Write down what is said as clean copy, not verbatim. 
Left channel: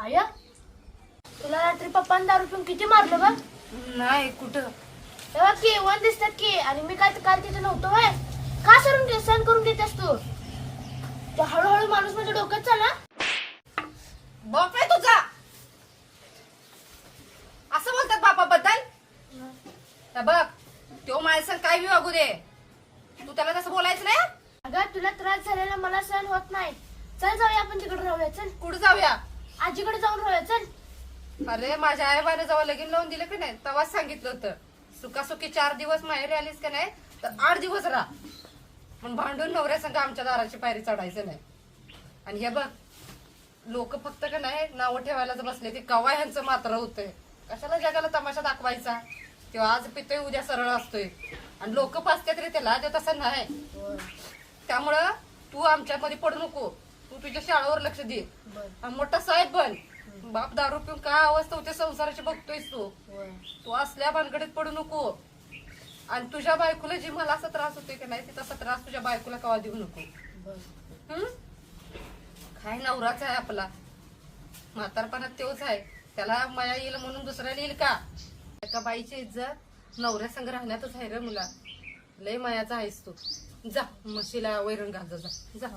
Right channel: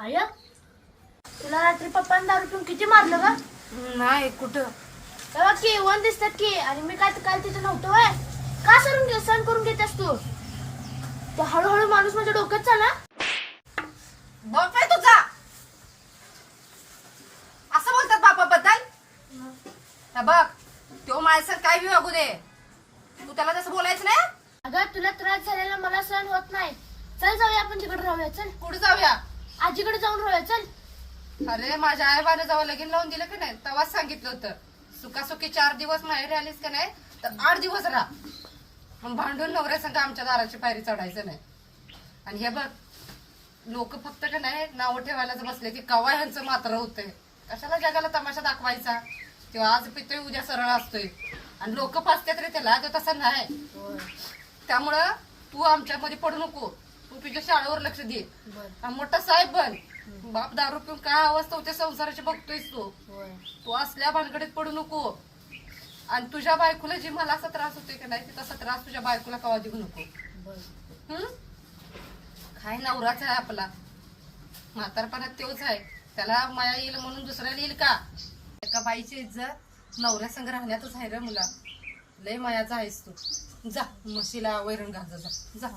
आया तुला रात्री पप्पांनी दारू पिऊन किती मारलं का? नाही कुठं. तेव्हा की वन दिसतात की आणि मी काय काल तिथे नव्हतो वय. का सहन करून घेतेस तू? तो हळूहळू माणूस माझ्या डोक्यात चाला. बाप आहे तुझा असं बोलतात बापाबद्दल. बघ तो माझ्या काय बी वागू दे, तू त्याला तसं बोलायचं नाही. अगं तुला त्रास झालेला मला सहन होत नाही. चल जाऊया आपण तिकडे राहूया. चल कुठं जाऊया? आजीकडे जाऊन राहूया. चल. अरे माझ्या आईबाने जेव्हा लगीन लावून दिलं की नाही तेव्हाच सांगितलं होतं, सुखासुखी 4 दिवस माहेरी आलीस का नाही तर 8 दिवस राहा. मग भांडून नवऱ्या संग आमच्या दाराची पायरी चढायचं नाही. आणि हे बघ लोक फक्त का नाही नावं ठेवायलाच बसले की कवा ह्यांचं मात्र होतंय. कशाला जगाला तमाशा दाखवायचा? किंवा आज पितोय उद्या सरळ असतोय आणि लोक पाचतात रे त्याला, तो तसं नाही. त्यामुळं तू आमच्यामध्ये पडू नको. तू तुझ्या शाळेवर लक्ष दे आणि मोठा साहेब बन. बाप दारू पिऊन काय अवस्था होते संसाराची बघतोयस तू. तू असल्या भानगडीत पडू नको. आणि तुझ्या बायकोला जी मला असा त्रास होतोय की नाही तसा त्रास तुझ्या बायकोला कवा देऊ नको. काय नवराच आहे आपला, म्हातारपणात तेच आहे. त्याला माया येईल म्हणून दुसऱ्याला येईल का? एका बाईची इज्जत नवऱ्या संग राहण्यातच आहे रे मुला. लय मायाचा आहेस तू. जा म्हशीला वैरण घाल जा.